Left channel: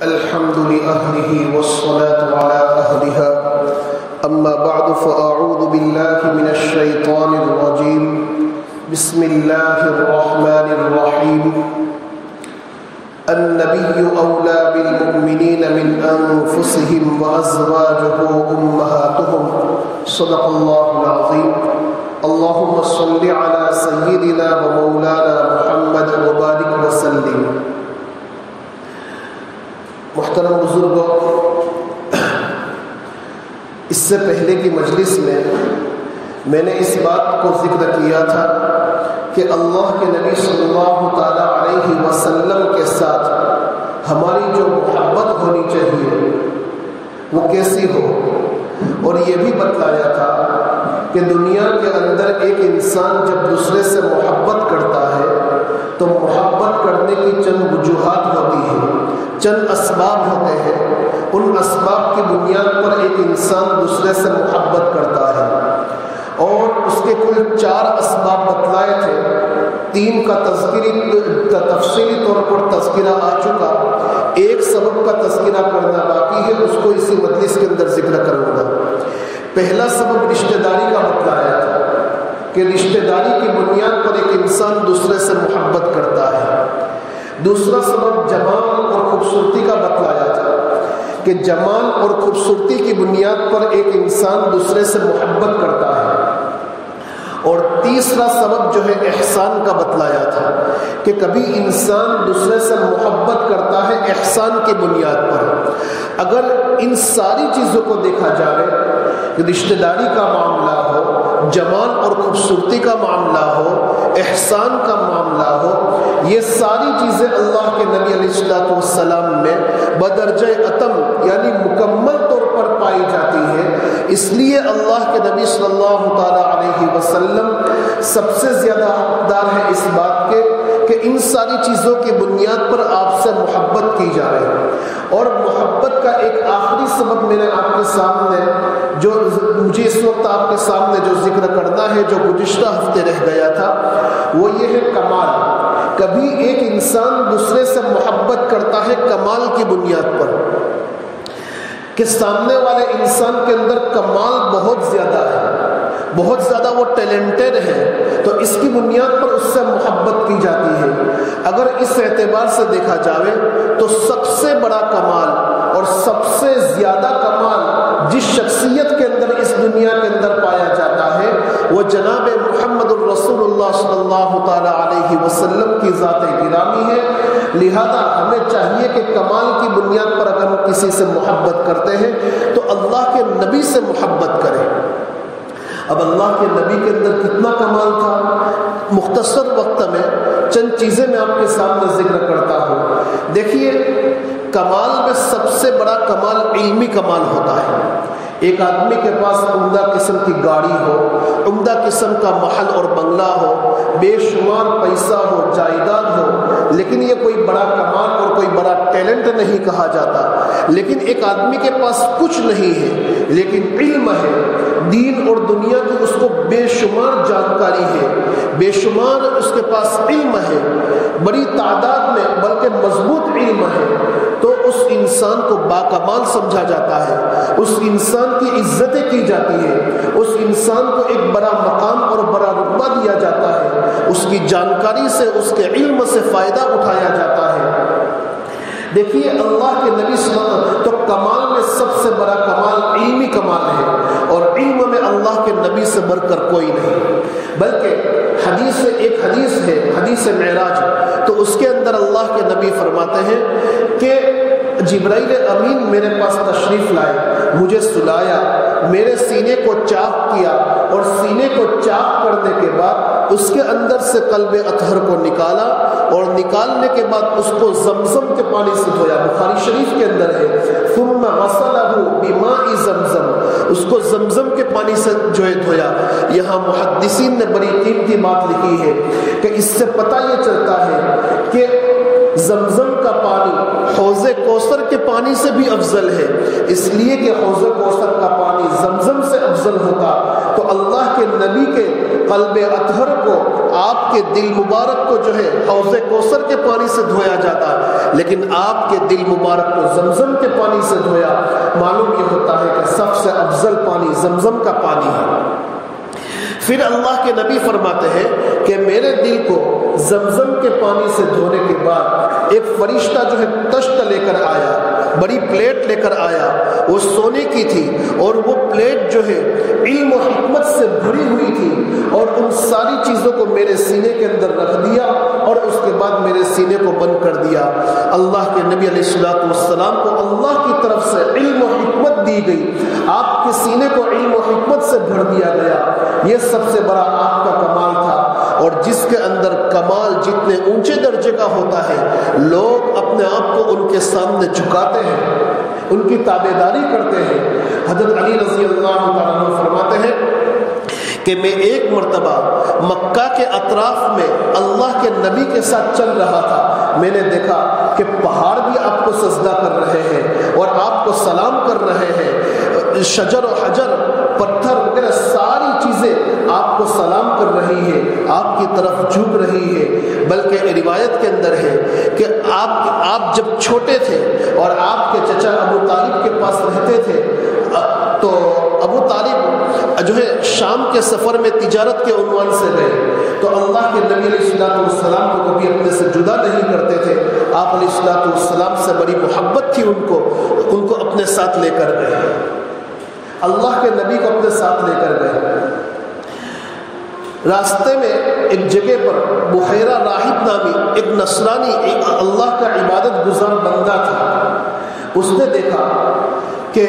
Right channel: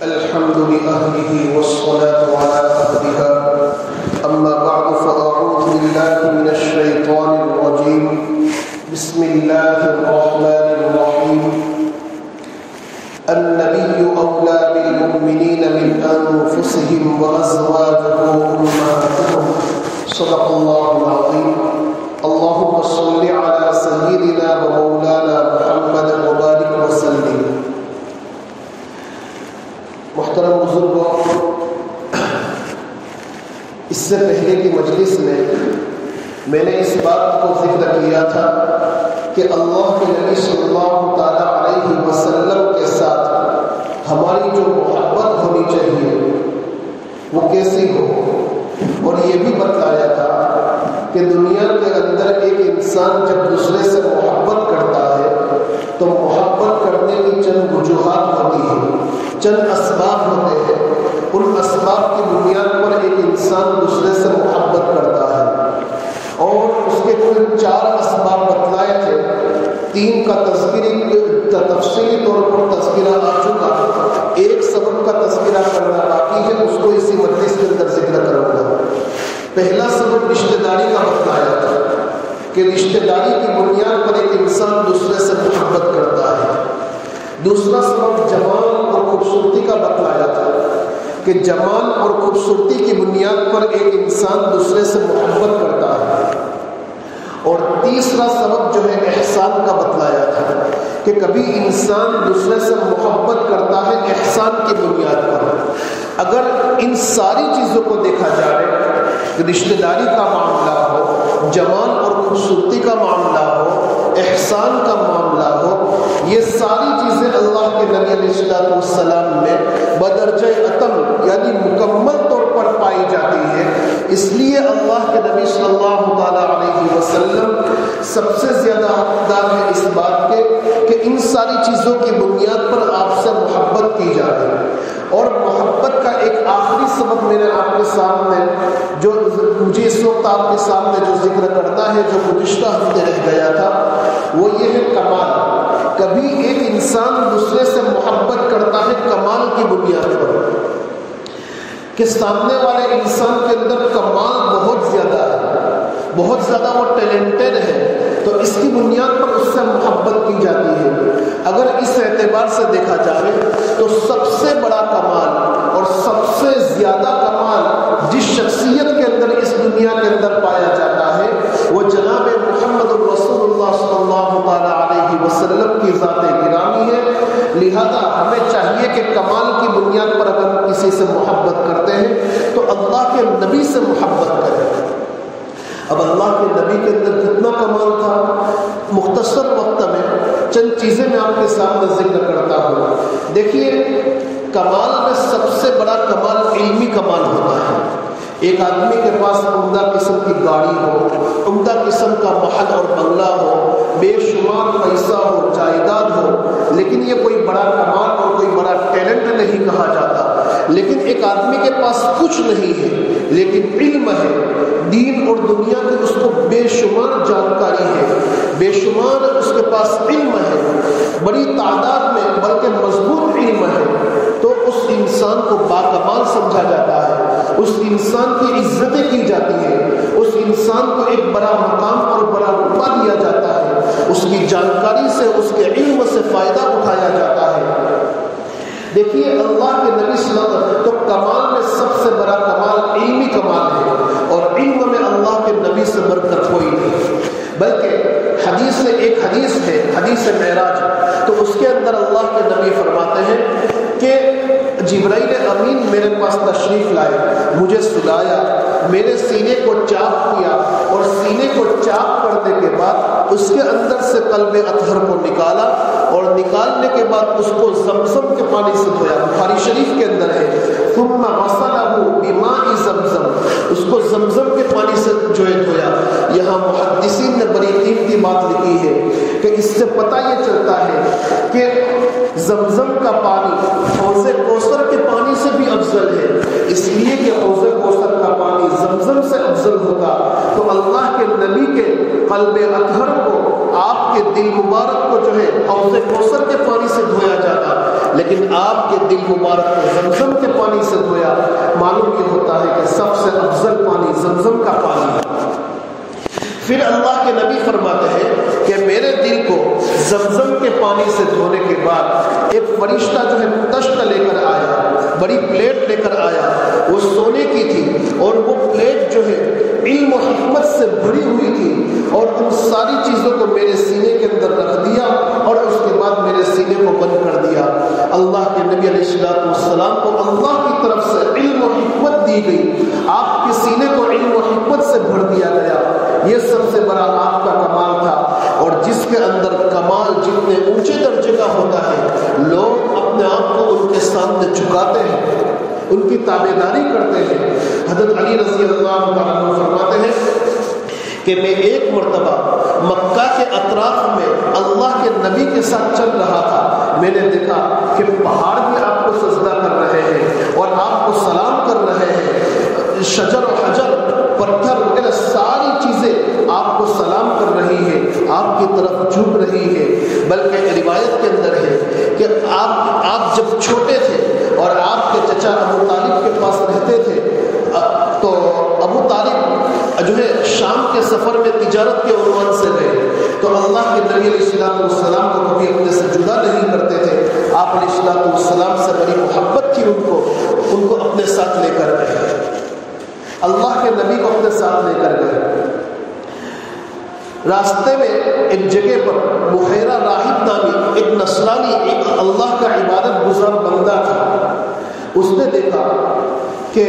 الحمد لأهله والصلاة على أهلها أما بعد فأعوذ بالله من الشيطان الرجيم بسم الله الرحمن الرحيم النبي أولى بالمؤمنين من أنفسهم وأزواجه أمهاتهم صدق الله العظيم اللهم صل على سيدنا ومولانا محمد وبارك وسلم. محترم بزرگوں، اس سے پہلے کی مجلس میں نے اس بات کو ذکر کیا تھا کہ اللہ کے نبی صلی اللہ تعالی علیہ وسلم کے ساتھ ہماری جو محبت ہونی چاہیے وہ کیسی ہو، اور یہ بھی بتلایا تھا کہ دنیا کے اندر ایک انسان جب دوسرے سے محبت کرتا ہے تو محبت کرنے کی چند وجوہات ہوتی ہیں، چند اسباب ہوتے ہیں. ان اسباب کی بنیاد پر ایک انسان دوسرے سے محبت کرتا ہے، اور اس کے کل 4 اسباب بتلائے تھے. 3 کا تفصیلی طور پر تذکرہ آ چکا، ایک سبب کا تذکرہ کرنا باقی ہے، اس کو اسی مجلس کے اندر ذکر کروں گا. پہلا سبب رشتہ داری کا بتلایا تھا کہ رشتہ داری کی بنیاد پر ایک انسان دوسرے سے محبت کرتا ہے. دوسرا سبب جمال اور خوبصورتی کا بتلایا تھا کہ جمال اور خوبصورتی کی بنیاد پر ایک انسان دوسرے سے محبت کرتا ہے. اور تیسرا سبب جو ہے احسان کا بتلایا تھا کہ کبھی انسان دوسرے سے محبت کرتا ہے احسان کی بنیاد پر. اگر ان ساری چیزوں کو دیکھا جائے، رشتہ داری کا معاملہ ہو، جمال اور خوبصورتی کا معاملہ ہو، احسان کا معاملہ ہو، یہ ساری چیزیں اللہ کے نبی علیہ السلام میں بدرجہ اتم یعنی مکمل طور پر پائی جاتی ہے. اس لیے اللہ کے نبی صلی اللہ تعالی علیہ وسلم سب سے زیادہ حقدار ہے اس بات کے کہ ان ساری چیزوں کی بنیاد پر آپ سے محبت کی جائے. اور محبت کا ایک آخری سبب میں نے آپ کے سامنے جو مجھے اس وقت آپ کے سامنے جو ذکر کرنا ہے، جو گزشتہ ہفتے رہ گیا تھا، وہ یہ ہے کمال. کبھی ایک انسان دوسرے سے محبت کرتا ہے کمال کی بنیاد پر کہ سامنے والے انسان کے اندر کمال بہت زیادہ ہے، بہت زیادہ وہ ٹیلنٹڈ ہے، تو اس کی بنیاد پر اس سے محبت کی جاتی ہے. اگر اس اعتبار سے دیکھا جائے تو سب سے بڑا کمال اور سب سے زیادہ کمال جس شخصیت کے اندر اس دنیا کے اندر پایا جاتا ہے وہ جناب محمد الرسول اللہ صلی اللہ تعالی علیہ وسلم کی ذات گرامی ہے. لہذا ہمیں چاہیے کہ کمال کی بنیاد پر اگر ہم کسی سے محبت کرتے ہیں تو اللہ کے نبی سے محبت کریں. اب اللہ کے نبی کے اندر کتنا کمال تھا، مختصر وقت میں چند چیزیں میں آپ کے سامنے ذکر کرتا ہوں. دیکھیے، کمال میں سب سے بڑا کمال علمی کمال ہوتا ہے. ایک آدمی کے پاس عمدہ قسم کی گاڑی ہو، عمدہ قسم کا محل اور بنگلہ ہو، بے شمار پیسہ ہو، جائیداد ہو، لیکن یہ کوئی بڑا کمال اور کوئی بڑا ٹیلنٹ نہیں کہا جاتا. لیکن ایک آدمی کے پاس کچھ نہیں ہے لیکن علم ہے، دین اور دنیا کی اس کو بے شمار جانکاری ہے، بے شمار اس کے پاس علم ہے، بڑی تعداد میں بلکہ مضبوط علم ہے، تو اس انسان کو باکمال سمجھا جاتا ہے، اس انسان کی عزتیں کی جاتی ہے، اس انسان کو ایک بڑا مقام اور بڑا رتبہ دیا جاتا ہے، اس کی جانکاری سے، اس کے علم سے فائدہ اٹھایا جاتا ہے. دیکھیے، اللہ کے نبی صلی اللہ علیہ وسلم تو کمال میں سب سے بڑا کمال علمی کمال ہے، اور علم میں اللہ کے نبی سے بڑھ کر کوئی نہیں. بلکہ ایک حدیث ہے، حدیث معراج، تو اس کے اندر اللہ کے نبی فرماتے ہیں کہ جبرائیل امین میرے پاس تشریف لائے، مجھے سلایا، میرے سینے کو چاک کیا، اور سینے کو چاک کرنے کے بعد اس کے اندر سے قلب اطہر کو نکالا، اور نکالنے کے بعد اس کو زمزم کے پانی سے دھویا. بخاری شریف کے اندر ہے ثم غسلہ بماء زمزم، اس کو زمزم کے پانی سے جو ہے دھویا. یہاں محدثین نے بڑی قیمتی بات لکھی ہے کہ اس سے پتہ یہ چلتا ہے کہ زمزم کا پانی حوض کوثر کے پانی سے بھی افضل ہے، اس لیے کہ حوض کوثر کا پانی زمزم سے افضل ہوگا تو اللہ کے نبی کے قلب اطہر کو، آپ کے دل مبارک کو جو ہے حوض کوثر کے پانی سے دھویا جاتا، لیکن آپ کے دل مبارک کو زمزم کے پانی سے دھویا، معلوم یہ ہوتا ہے کہ سب سے افضل پانی زمزم کا پانی ہے۔ پھر اللہ کے نبی فرماتے ہیں کہ میرے دل کو زمزم کے پانی سے دھونے کے بعد ایک فرشتہ جو ہے تشت لے کر آیا، بڑی پلیٹ لے کر آیا، وہ سونے کی تھی اور وہ پلیٹ جو ہے علم و حکمت سے بھری ہوئی تھی، اور ان ساری چیزوں کو میرے سینے کے اندر رکھ دیا اور اس کے بعد میرے سینے کو بند کر دیا۔ اللہ کے نبی علیہ الصلوۃ والسلام کو اللہ کی طرف سے علم و حکمت دی گئی، آپ کے سینے کو علم و حکمت سے بھر دیا گیا۔ یہ سب سے بڑا آپ کا کمال تھا، اور جس کے اندر کمال جتنے اونچے درجے کا ہوتا ہے، لوگ اپنے آپ کو ان کے سامنے جھکاتے ہیں، ان کی تابعداری کرتے ہیں۔ حضرت علی رضی اللہ تعالیٰ عنہ فرماتے ہیں کہ میں ایک مرتبہ مکہ کے اطراف میں اللہ کے نبی کے ساتھ چل رہا تھا، میں نے دیکھا کہ پہاڑ بھی آپ کو سجدہ کر رہے ہیں اور آپ کو سلام کر رہے ہیں، شجر و حجر، پتھر وغیرہ ساری چیزیں آپ کو سلام کر رہی ہے، آپ کی طرف جھک رہی ہے۔ بلکہ روایت کے اندر ہے کہ آپ جب چھوٹے تھے اور آپ کے چچا ابو طالب کے پاس رہتے تھے، تو ابو طالب جو ہے شام کے سفر میں تجارت کے عنوان سے گئے، تو اللہ کے نبی علیہ الصلوۃ والسلام کو کبھی اپنے سے جدا نہیں کرتے تھے، آپ علیہ الصلوۃ والسلام سے بڑی محبت تھی ان کو اپنے ساتھ لے کر گئے، اللہ کے نبی کو اپنے ساتھ لے کر گئے۔ راستے میں ایک جگہ پر بحیرہ راہب نامی ایک نصرانی، ایک اللہ کا عبادت گزار بندہ تھا، اس نے دیکھا کہ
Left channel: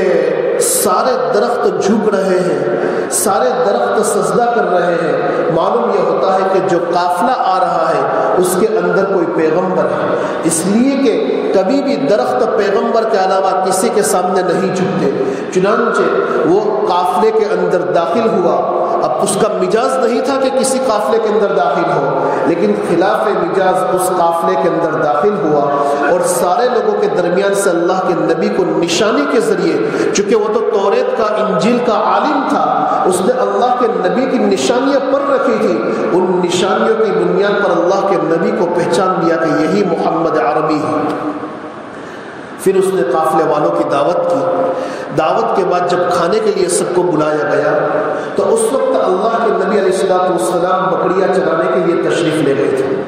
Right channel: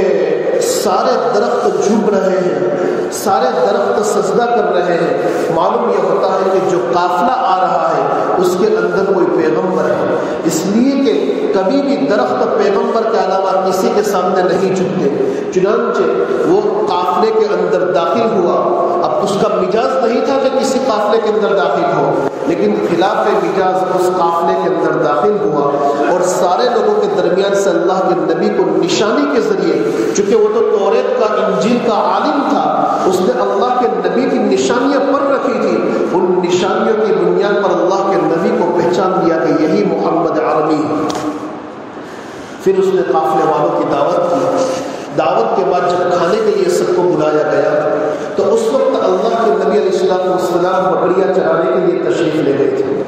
سارے درخت جھک رہے ہیں، سارے درخت سجدہ کر رہے ہیں، معلوم یہ ہوتا ہے کہ جو قافلہ آ رہا ہے اس کے اندر کوئی پیغمبر ہے، اس لیے کہ کبھی بھی درخت پیغمبر کے علاوہ کسی کے سامنے نہیں جھکتے۔ چنانچہ وہ قافلے کے اندر داخل ہوا، اب اس کا مجاز نہیں تھا کہ کسی قافلے کے اندر داخل ہو، لیکن خلاف مجاز اس قافلے کے اندر داخل ہوا، اور سارے لوگوں کے درمیان سے اللہ کے نبی کو نشانی کے ذریعے، چونکہ وہ تو توریت کا انجیل کا عالم تھا، اس نے اللہ کے نبی کی نشانیاں پڑھ رکھی تھی، ان نشانیوں کی بنیاد پر اللہ کے نبی کو پہچان لیا کہ یہی محمد عربی ہے۔ پھر اس نے قافلے والوں کی دعوت کی، دعوت کے بعد جب کھانے کے لیے سب کو بلایا گیا تو اس وقت اللہ کے نبی علیہ الصلوۃ والسلام بکریاں چرانے کے لیے تشریف لے گئے تھے۔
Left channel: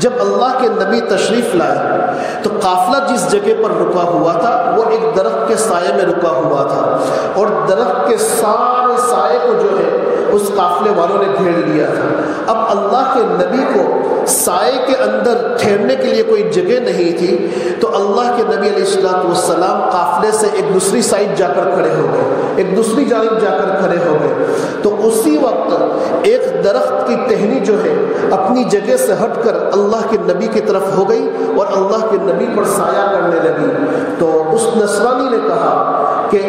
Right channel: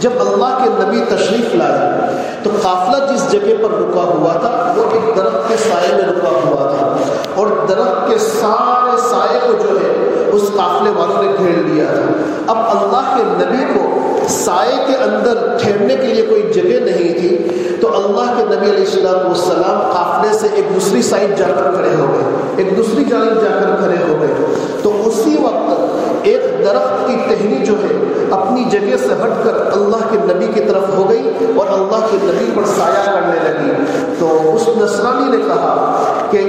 جب اللہ کے نبی تشریف لائے تو قافلہ جس جگہ پر رکا ہوا تھا وہ ایک درخت کے سائے میں رکا ہوا تھا، اور درخت کے سارے سائے کو جو ہے اس قافلے والوں نے گھیر لیا تھا۔ اب اللہ کے نبی کو سائے کے اندر ٹھہرنے کے لیے کوئی جگہ نہیں تھی، تو اللہ کے نبی علیہ الصلوۃ والسلام قافلے سے ایک دوسری سائڈ جا کر کھڑے ہو گئے، ایک دوسری جانب جا کر کھڑے ہو گئے، تو اسی وقت ایک درخت کی ٹہنی جو ہے اپنی جگہ سے ہٹ کر اللہ کے نبی کی طرف ہو گئی اور اللہ کے نبی پر سایہ کرنے لگی۔ تو اس نصرانی نے کہا کہ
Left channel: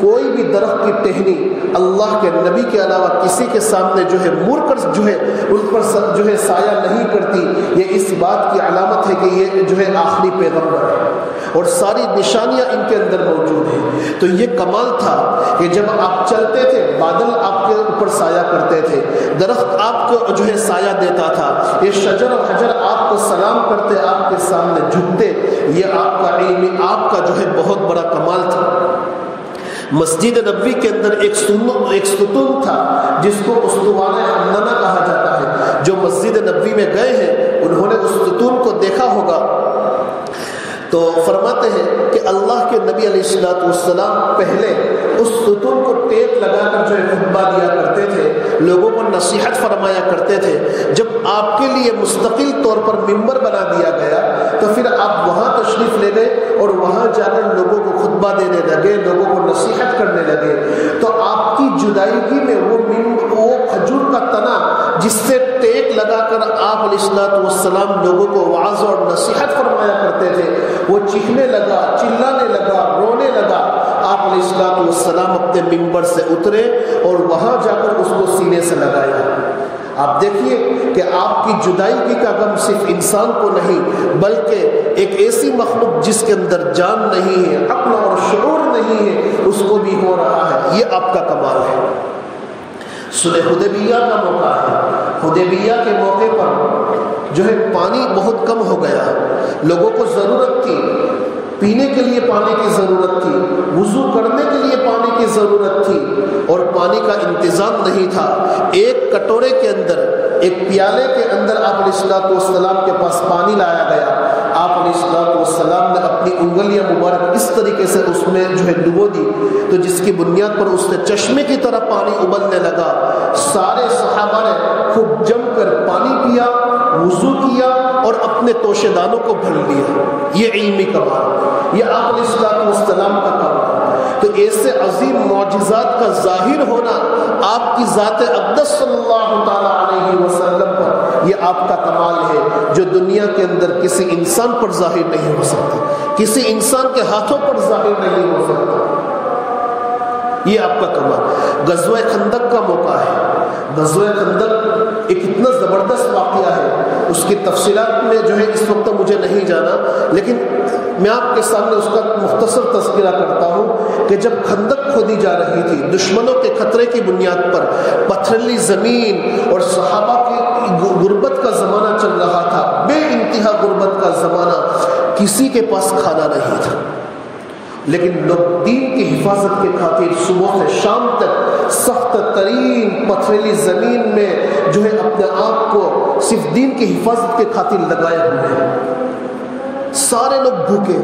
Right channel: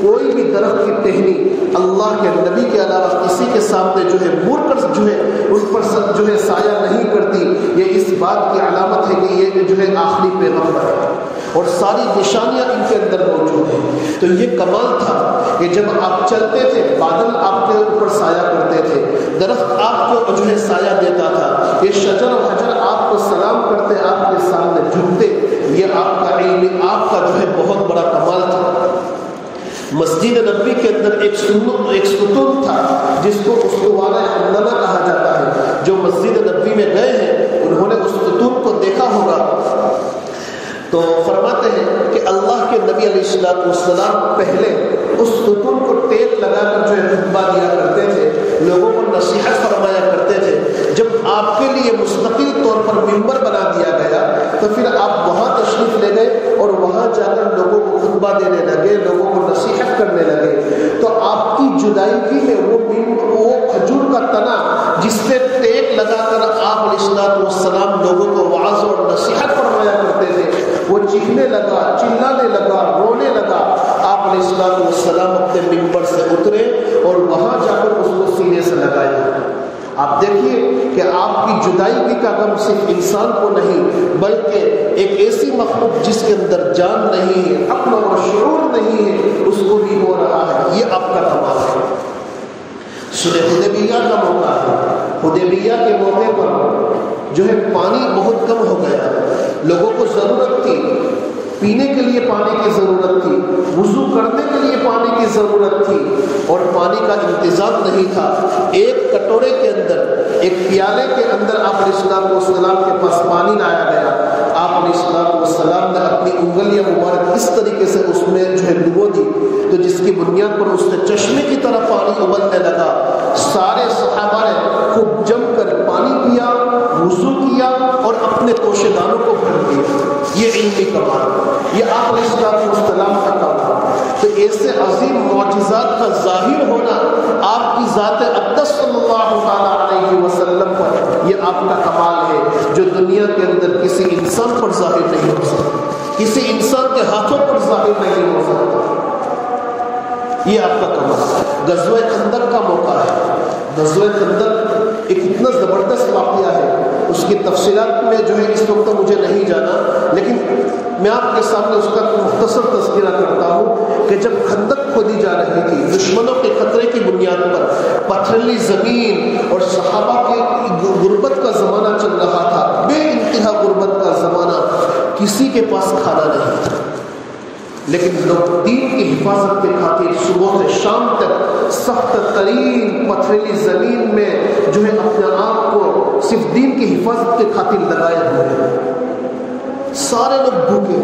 کوئی بھی درخت کی ٹہنی اللہ کے نبی کے علاوہ کسی کے سامنے جو ہے مڑ کر جو ہے ان پر جو ہے سایہ نہیں کرتی، یہ اس بات کی علامت ہے کہ یہ جو ہے آخری پیغمبر ہے، اور ساری نشانیاں ان کے اندر موجود ہیں۔ تو یہ کمال تھا کہ جب آپ چلتے تھے بادل آپ کے اوپر سایہ کرتے تھے، درخت آپ کو جو ہے سایہ دیتا تھا، یہ شجر و حجر آپ کو سلام کرتے، آپ کے سامنے جھکتے، یہ آپ کا علم، آپ کا جو ہے بہت بڑا کمال تھا۔ مسجد نبوی کے اندر ایک ستون تھا جس کو اسطوانہ حمدانہ کہا جاتا ہے، جو مسجد نبوی میں گئے ہیں انہوں نے اس ستون کو دیکھا ہوگا، تو فرماتے ہیں کہ اللہ کے نبی علیہ الصلوۃ والسلام پہلے اس ستون کو ٹیپ لگا کر جو ہے خطبہ دیا کرتے تھے، لوگوں کو نصیحت فرمایا کرتے تھے۔ جب آپ کے لیے مستقل طور پر ممبر بنا دیا گیا تو پھر آپ وہاں تشریف لے گئے اور وہاں جا کر لوگوں کو خطبہ دینے لگے، لوگوں کو نصیحت کرنے لگے۔ تو آپ کی جدائیگی میں وہ کھجور کا تنا جس سے ٹیپ لگا کر آپ علیہ الصلوۃ والسلام لوگوں کو وعظ اور نصیحت فرمایا کرتے تھے، وہ چیخنے لگا، چلانے لگا، رونے لگا۔ آپ علیہ الصلوۃ والسلام اپنے ممبر سے اترے اور وہاں جا کر اس کو سینے سے لگایا۔ آپ دیکھیے کہ آپ کی جدائیگی کا غم صرف انسان کو نہیں بلکہ ایک ایسی مخلوق جس کے اندر جان نہیں ہے، عقل اور شعور نہیں ہے، اس کو بھی ہو رہا ہے، یہ آپ کا کمال ہے۔ صلح حدیبیہ کا موقع ہے، حدیبیہ کے موقع پر جو ہے پانی بہت کم ہو گیا، لوگوں کو ضرورت تھی پینے کے لیے پانی کی ضرورت تھی، وضو کرنے کے لیے پانی کی ضرورت تھی، اور پانی کا انتظام نہیں تھا۔ ایک کٹورے کے اندر، ایک پیالے کے اندر آپ علیہ الصلوۃ والسلام کے پاس پانی لایا گیا۔ آپ علیہ الصلوۃ والسلام نے اپنی انگلیاں مبارک اس طریقے سے اس میں ڈبو دی، تو جس کی بنیاد پر اس میں چشمے کی طرح پانی ابلنے لگا۔ سارے صحابہ نے خوب جم کر پانی پیا، وضو کیا اور اپنے توشے دانوں کو بھر لیا۔ یہ علمی کمال، یہ آپ علیہ الصلوۃ والسلام کا کمال۔ تو ایسے عظیم معجزات کا ظاہر ہونا آپ کی ذات اقدس صلی اللہ علیہ وسلم پر، یہ آپ کا کمال ہے جو دنیا کے اندر کسی انسان پر ظاہر نہیں ہو سکتا، کسی انسان کے ہاتھوں پر ظاہر نہیں ہو سکتا۔ یہ آپ کا کمال۔ غزوہ خندق کا موقع ہے۔ غزوہ خندق ایک اتنا زبردست واقعہ ہے، اس کی تفصیلات میں جو ہے اس وقت مجھے نہیں جانا، لیکن میں آپ کے سامنے اس کا مختصر تذکرہ کرتا ہوں کہ جب خندق کھودی جا رہی تھی، دشمنوں کے خطرے کی بنیاد پر، پتھریلی زمین اور صحابہ کی غربت کا زمانہ چل رہا تھا، بے انتہا غربت کا زمانہ، کسی کے پاس کھانا نہیں تھا، لیکن لوگ دین کی حفاظت کے خاطر صبح سے شام تک سخت ترین پتھریلی زمین میں جو ہے اپنے آپ کو صرف دین کی حفاظت کے خاطر لگائے ہوئے ہیں۔ سارے لوگ بھوکے،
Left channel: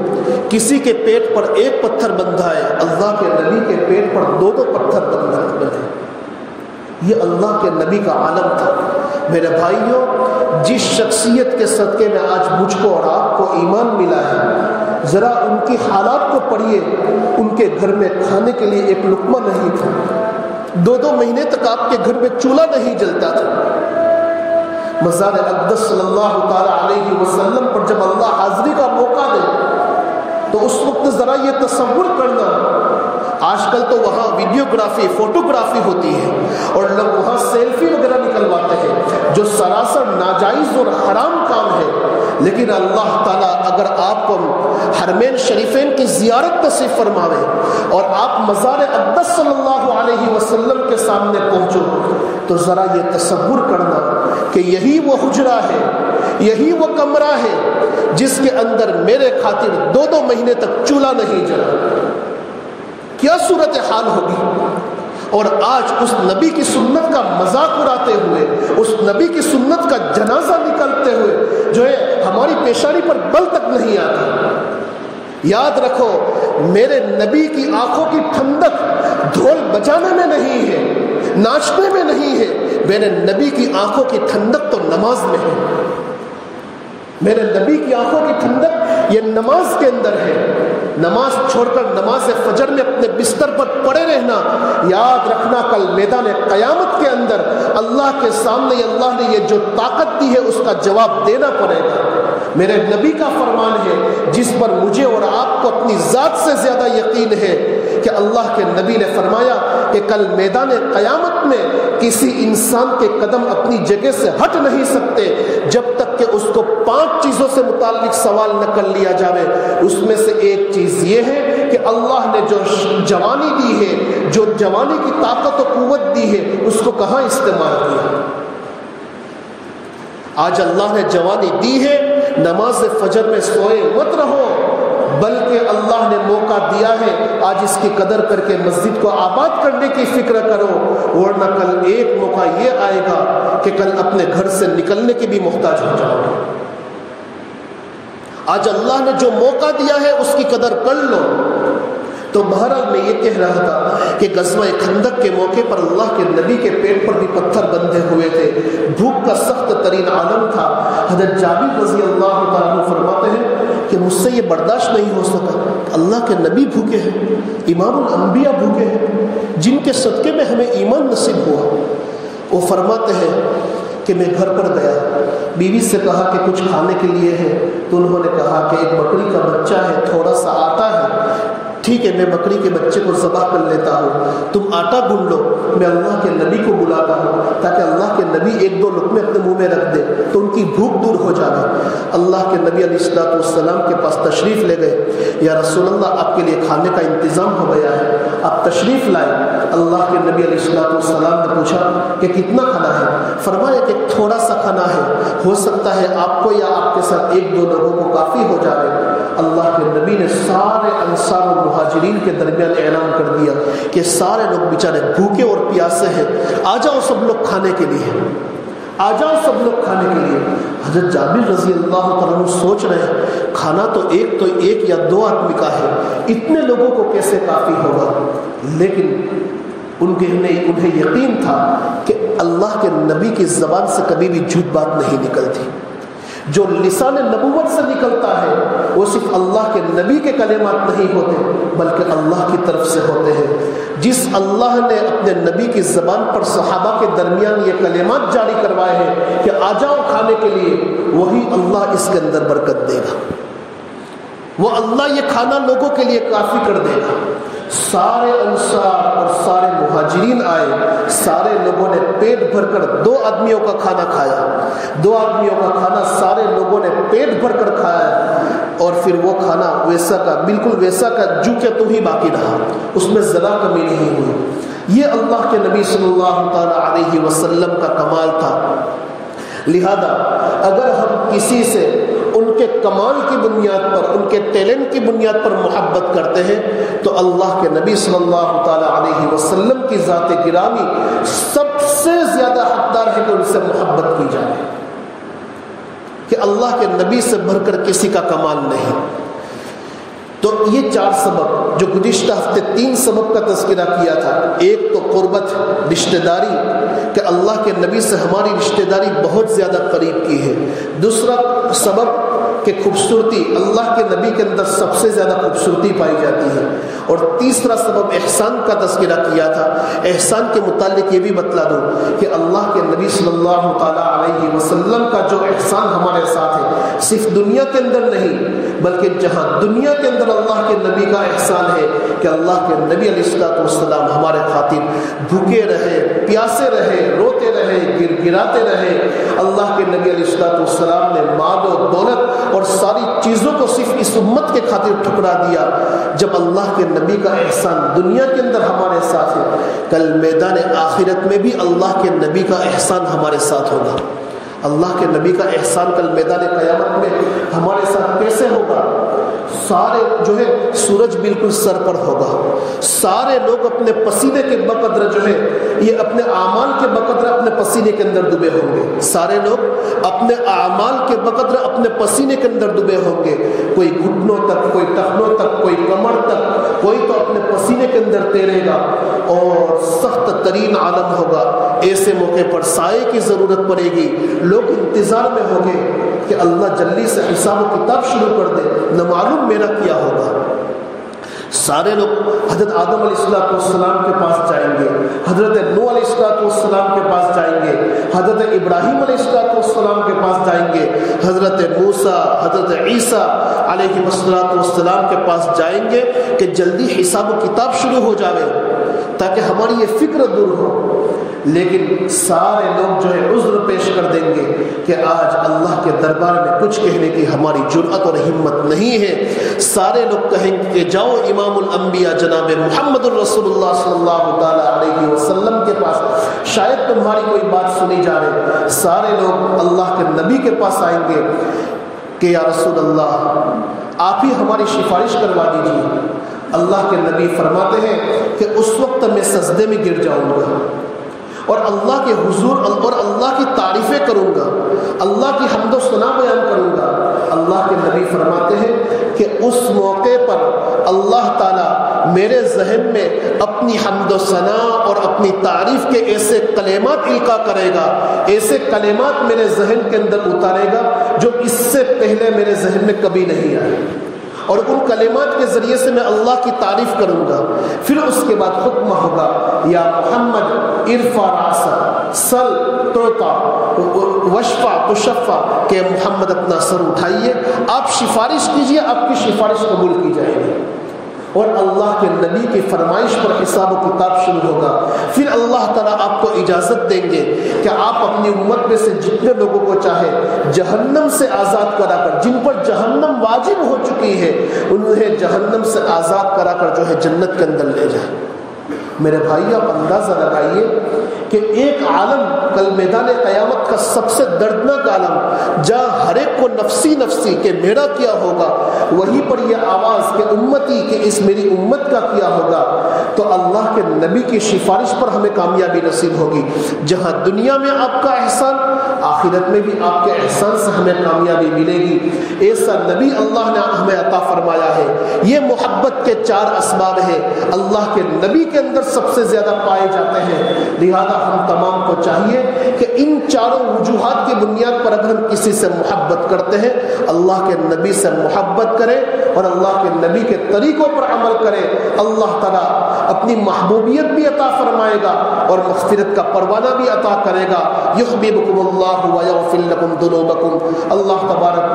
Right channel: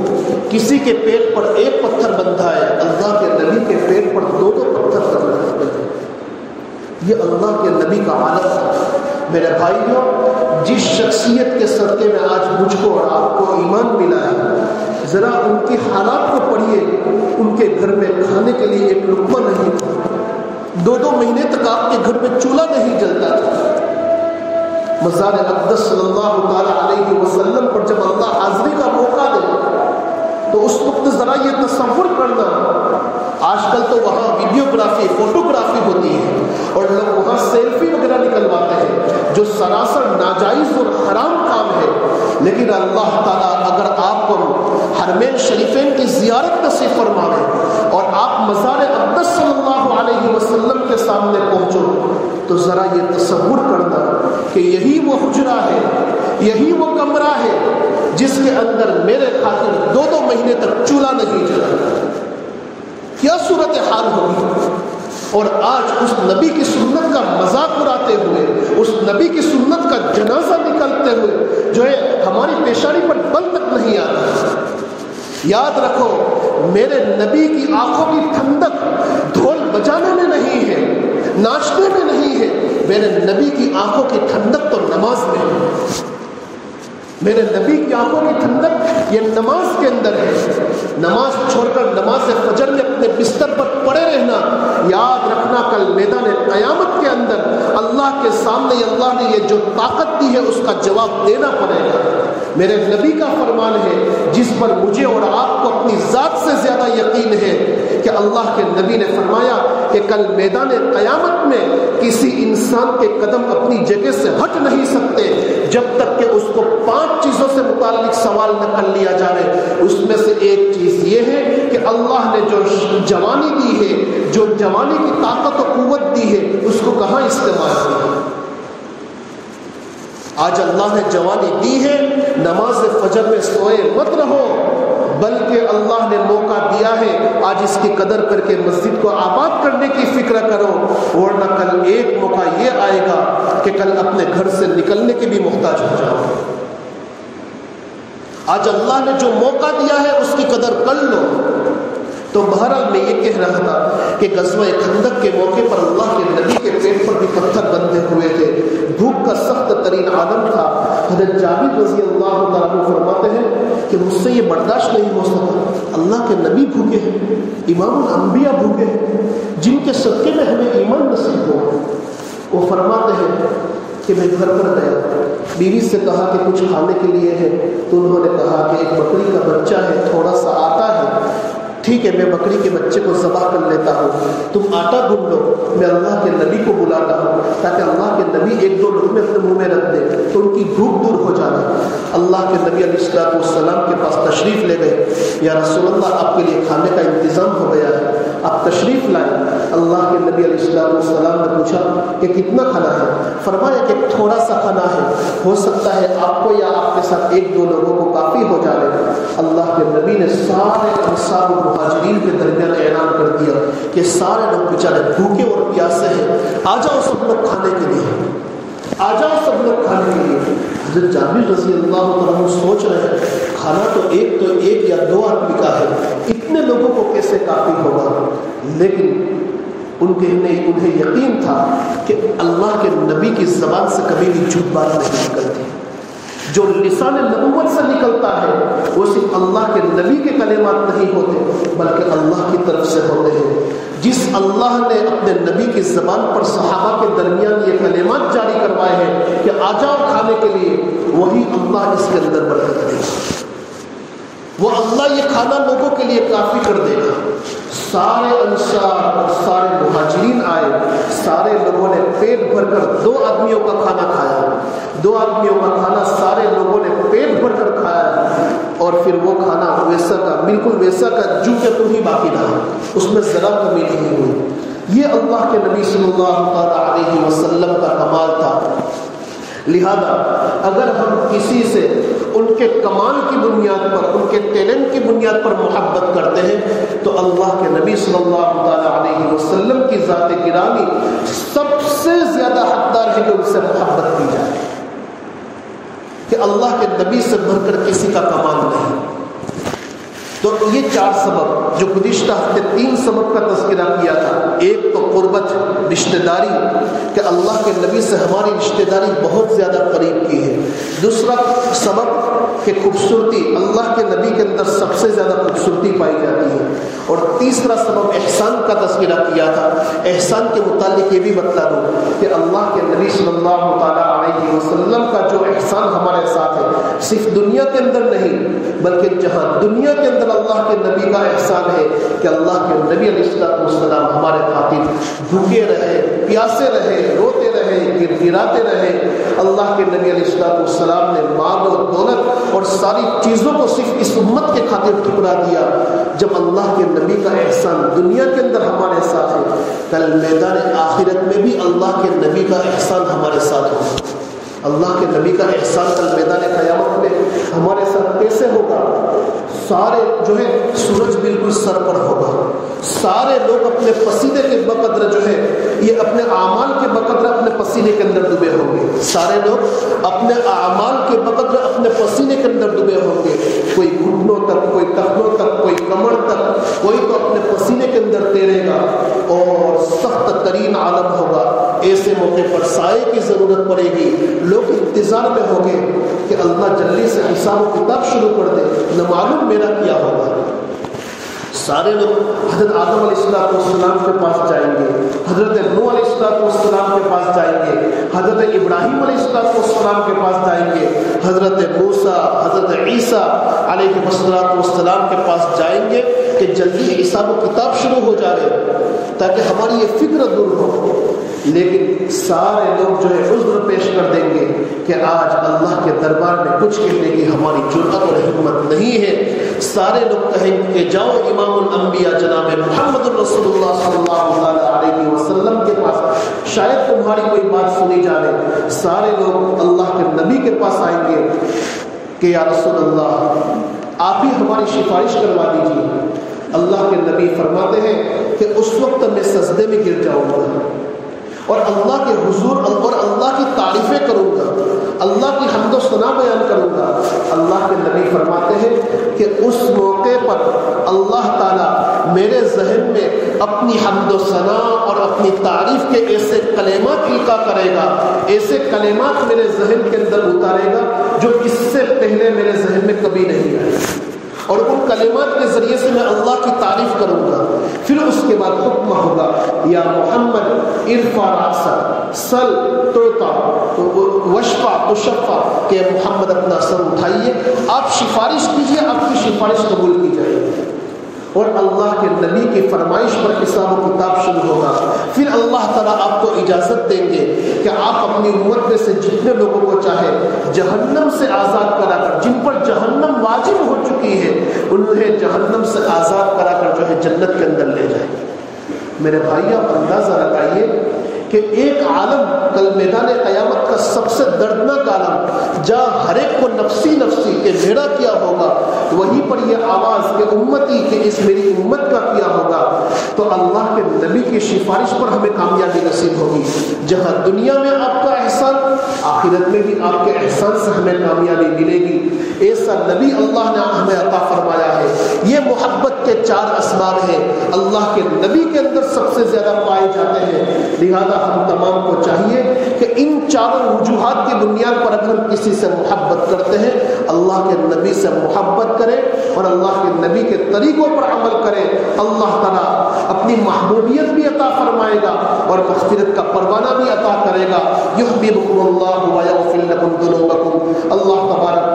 کسی کے پیٹ پر ایک پتھر بندھا ہے، اللہ کے نبی کے پیٹ پر دو پتھر بندھے۔ یہ اللہ کے نبی کا عالم تھا۔ میرے بھائیوں، جس شخصیت کے صدقے میں آج مجھ کو اور آپ کو ایمان ملا ہے، ذرا ان کی حالات کو پڑھیے۔ ان کے گھر میں کھانے کے لیے ایک لقمہ نہیں تھا، 2 مہینے تک آپ کے گھر میں چولہا نہیں جلتا تھا۔ مزار اقدس صلی اللہ تعالی علیہ وسلم پر جب اللہ حاضری کا موقع دے تو اس وقت ذرا یہ تصور کرنا، آج کل تو وہاں ویڈیوگرافی، فوٹوگرافی ہوتی ہے اور لوگ وہاں سیلفی وغیرہ نکلواتے ہیں جو سراسر ناجائز اور حرام کام ہے، لیکن اللہ تعالیٰ اگر آپ کو حرمین شریفین کی زیارت نصیب فرمائے اور آپ مزار اقدس صلی اللہ علیہ وسلم کے سامنے پہنچو تو ذرا یہ تصور کرنا کہ یہی وہ حجرہ ہے، یہی وہ کمرہ ہے جس کے اندر میرے خاطر 2 مہینے تک چولہا نہیں جلا۔ کیا صورتحال ہوگی؟ اور آج اس نبی کی سنت کا مذاق اڑاتے ہوئے، اس نبی کی سنت کا جنازہ نکلتے ہوئے جو ہے ہماری پیشانی پر بل تک نہیں آتا۔ یاد رکھو، میرے نبی کی آنکھوں کی ٹھنڈک ڈھول بجانے میں نہیں ہے، ناچنے میں نہیں ہے، میرے نبی کی آنکھوں کی ٹھنڈک تو نماز میں ہے۔ میرے نبی کی آنکھوں کی ٹھنڈک یہ نماز کے اندر ہے۔ نماز چھوڑ کر نماز فجر میں اپنے بستر پر پڑے رہنا، یاد رکھنا کل میدان قیامت کے اندر اللہ کے سامنے اللہ نے یہ جو طاقت دی ہے اس کا جواب دینا پڑے گا۔ میرے نبی کا فرمان ہے جس پر مجھے اور آپ کو اپنی ذات سے زیادہ یقین ہے کہ اللہ کے نبی نے فرمایا کہ کل میدان قیامت میں کسی انسان کے قدم اپنی جگہ سے ہٹ نہیں سکتے جب تک کہ اس کو 5 چیزوں سے متعلق سوال نہ کر لیا جائے۔ اس میں سے ایک چیز یہ ہے کہ اللہ نے جو جوانی دی ہے، جو جوانی کی طاقت و قوت دی ہے، اس کو کہاں استعمال کیا؟ آج اللہ نے جوانی دی ہے، نماز فجر میں سوئے مت رہو، بلکہ اللہ نے موقع دیا ہے آج اس کی قدر کر کے مسجد کو آباد کرنے کی فکر کرو، ورنہ کل ایک موقع یہ آئے گا کہ کل اپنے گھر سے نکلنے کی بھی محتاج ہو جاؤ۔ آج اللہ نے جو موقع دیا ہے اس کی قدر کر لو۔ تو بہرحال میں یہ کہہ رہا تھا کہ غزوہ خندق کے موقع پر اللہ کے نبی کے پیٹ پر بھی پتھر بندھے ہوئے تھے، بھوک کا سخت ترین عالم تھا۔ حضرت جابر رضی اللہ تعالیٰ فرماتے ہیں کہ مجھ سے یہ برداشت نہیں ہو سکا، اللہ کے نبی بھوکے ہیں، امام الانبیاء بھوکے ہیں جن کے صدقے میں ہمیں ایمان نصیب ہوا۔ وہ فرماتے ہیں کہ میں گھر پر گیا، بیوی سے کہا کہ کچھ کھانے کے لیے ہے، تو انہوں نے کہا کہ ایک بکری کا بچہ ہے، تھوڑا سا آٹا ہے، ٹھیک ہے میں بکری کے بچے کو ذبح کر لیتا ہوں، تم آٹا گھن لو، میں اللہ کے نبی کو بلاتا ہوں تاکہ اللہ کے نبی 1-2 لقمے اپنے منہ میں رکھ دے تو ان کی بھوک دور ہو جائے۔ اللہ کے نبی علیہ الصلوۃ والسلام کے پاس تشریف لے گئے، یا رسول اللہ آپ کے لیے کھانے کا انتظام ہو گیا ہے، آپ تشریف لائیں۔ اللہ کے نبی علیہ الصلوۃ والسلام نے پوچھا کہ کتنا کھانا ہے؟ فرمایا کہ تھوڑا سا کھانا ہے، ہو سکتا ہے آپ کو یا آپ کے ساتھ 1-2 لوگوں کو کافی ہو جائے۔ اللہ کے نبی نے کہ سارے لوگ بیچارے بھوکے اور پیاسے ہیں، آ جاؤ سب لوگ کھانے کے لیے، آ جاؤ سب لوگ کھانے کے لیے۔ حضرت جابر رضی اللہ عنہ سوچ رہے ہیں کھانا تو ایک یا دو آدمی کا ہے، اتنے لوگوں کو کیسے کافی ہوگا؟ لیکن انہیں یقین تھا کہ اللہ کے نبی کی زبان سے کبھی بھی جھوٹ بات نہیں نکلتی۔ جو لسان نبوت سے نکلتا ہے وہ صرف اللہ کے نبی کے کلمات نہیں ہوتے بلکہ اللہ کی طرف سے ہوتے ہیں۔ جس اللہ نے اپنے نبی کی زبان پر صحابہ کے درمیان یہ کلمات جاری کروائے ہیں کہ آ جاؤ کھانے کے لیے، وہی اللہ اس کے اندر برکت دے گا، وہ اللہ یہ کھانا لوگوں کے لیے کافی کر دے گا۔ سارے انصار اور سارے مہاجرین آئے، سارے لوگوں نے پیٹ بھر کر 2 آدمیوں کا کھانا کھایا، 2 آدمیوں کا کھانا سارے لوگوں نے پیٹ بھر کر کھایا، اور پھر وہ کھانا ویسا کا بالکل ویسا کا جو کہ تم ہی باقی رہا، اس میں ذرا کمی نہیں ہوئی۔ یہ اللہ کے نبی صلی اللہ علیہ وسلم کا کمال تھا۔ لہذا اگر ہم کسی سے ان کے کمال کی بنیاد پر، ان کے ٹیلنٹ کی بنیاد پر محبت کرتے ہیں تو اللہ کے نبی صلی اللہ علیہ وسلم کی ذات گرامی سب سے زیادہ حقدار ہے کہ ان سے محبت کی جائے، کہ اللہ کے نبی سے بڑھ کر کسی کا کمال نہیں۔ تو یہ 4 سبب جو گزشتہ ہفتے 3 سبب کا تذکرہ کیا تھا، ایک تو قربت رشتہ داری کہ اللہ کے نبی سے ہماری رشتہ داری بہت زیادہ قریب کی ہے، دوسرا سبب کہ خوبصورتی، اللہ کے نبی کے اندر سب سے زیادہ خوبصورتی پائی جاتی ہے، اور تیسرا سبب احسان کا تذکرہ کیا تھا۔ احسان کے متعلق یہ بھی بتلا دوں کہ اللہ کے نبی صلی اللہ علیہ وسلم کا جو احسان ہمارے ساتھ ہے صرف دنیا کے اندر نہیں بلکہ جہاں دنیا کے اندر اللہ کے نبی کا احسان ہے کہ اللہ کے نبی علیہ السلام ہمارے خاطر بھوکے رہے، پیاسے رہے، روتے رہے، گراتے رہے۔ اللہ کے نبی علیہ السلام نے مال و دولت اور ساری چیزوں کو صرف اس امت کے خاطر ٹھکرا دیا۔ جب اللہ کے نبی کا احسان دنیا کے اندر ہمارے ساتھ ہے، کل میدان آخرت میں بھی اللہ کے نبی کا احسان ہمارے ساتھ ہوگا۔ اللہ کے نبی کا احسان کل میدان قیامت میں ہمارے ساتھ کیسے ہوگا؟ سارے جو ہے سورج بالکل سر پر ہوگا، سارے لوگ اپنے پسینے کے بقدر جو ہے یہ اپنے اعمال کے بقدر اپنے پسینے کے اندر ڈوبے ہوں گے، سارے لوگ اپنے اعمال کے بقدر اپنے پسینے کے اندر ڈوبے ہوں گے، کوئی گھٹنوں تک، کوئی ٹخنوں تک، کوئی کمر تک، کوئی تو اپنے پسینے کے اندر تیرے گا، اور سخت ترین عالم ہوگا۔ ایسے موقع پر سائے کی ضرورت پڑے گی، لوگ انتظار میں ہوں گے کہ اللہ جلدی سے حساب و کتاب شروع کر دے، نہ معلوم میرا کیا ہوگا۔ سارے لوگ حضرت آدم علیہ السلام کے پاس جائیں گے، حضرت نوح علیہ السلام کے پاس جائیں گے، حضرت ابراہیم علیہ السلام کے پاس جائیں گے، حضرت موسیٰ، حضرت عیسیٰ علیہ السلام کے پاس جائیں گے کہ جلدی حساب و کتاب شروع ہو جائے تاکہ ہماری یہ فکر دور ہو۔ لیکن سارے لوگ جو ہے عذر پیش کر دیں گے کہ آج اللہ کے دربار میں کچھ کہنے کی ہماری جرأت اور ہمت نہیں ہے۔ سارے لوگ کہیں گے کہ جاؤ امام الانبیاء جناب محمد الرسول اللہ صلی اللہ علیہ وسلم کے پاس، شاید تمہاری کوئی بات سنی جائے۔ سارے لوگ اللہ کے نبی کے پاس آئیں گے کہ یا رسول اللہ آپ ہی ہماری سفارش کروا دیجیے۔ اللہ کے نبی فرماتے ہیں کہ اس وقت میں سجدے میں گر جاؤں گا اور اللہ کے حضور اور اللہ کی تعریفیں کروں گا، اللہ کی حمد و ثنا بیان کروں گا۔ اللہ کے نبی فرماتے ہیں کہ اس موقع پر اللہ تعالیٰ میرے ذہن میں اپنی حمد و ثنا اور اپنی تعریف کے ایسے کلمات القا کرے گا، ایسے کلمات میرے ذہن کے اندر اتارے گا جو اس سے پہلے میرے ذہن میں کبھی نہیں آئے، اور ان کلمات کے ذریعے سے میں اللہ کی تعریف کروں گا۔ پھر اس کے بعد حکم ہوگا یا محمد ارفع راسک سل توتا وشفع تشفع، کہ محمد اپنا سر اٹھائیے، آپ سفارش کیجیے، آپ کی سفارش قبول کی جائے گی۔ اور اللہ کے نبی کی فرمائش پر حساب و کتاب شروع ہوگا۔ پھر اللہ تعالیٰ آپ کو اجازت دیں گے کہ آپ اپنی امت میں سے جتنے لوگوں کو چاہے جہنم سے آزاد کرا کر، جن پر جہنم واجب ہو چکی ہے انہیں جہنم سے آزاد کرا کر جو ہے جنت کے اندر لے جائیں۔ میرے بھائی آپ اندازہ لگائیے کہ ایک عالم کل میدان قیامت کا سب سے دردناک عالم جہاں ہر ایک کو نفسی نفسی کہ میرا کیا ہوگا، وہیں پر یہ آواز کہ امتی کہ اس میری امت کا کیا ہوگا۔ تو اللہ کے نبی کی سفارش پر ہمیں کامیابی نصیب ہوگی. جہاں دنیا میں آپ کا احسان، آخرت میں بھی آپ کے احسان سے ہمیں کامیابی ملے گی. ایسا نبی اللہ نے ہمیں عطا فرمایا ہے. یہ محبت کے 4 اسباب ہیں، اللہ کے نبی کے اندر سب سے زیادہ پائے جاتے ہیں. لہذا ہم تمام کو چاہیے کہ ان 4 وجوہات کی بنیاد پر اگر ہم کسی سے محبت کرتے ہیں، اللہ کے نبی سے محبت کریں اور اللہ کے نبی کے طریقوں پر عمل کریں. اللہ تعالیٰ اپنی محبوبیت بھی عطا فرمائے گا اور مغفرت کا پروانہ بھی عطا کرے گا. یحببکم اللہ ویغفر لکم ذنوبکم. اللہ تبارک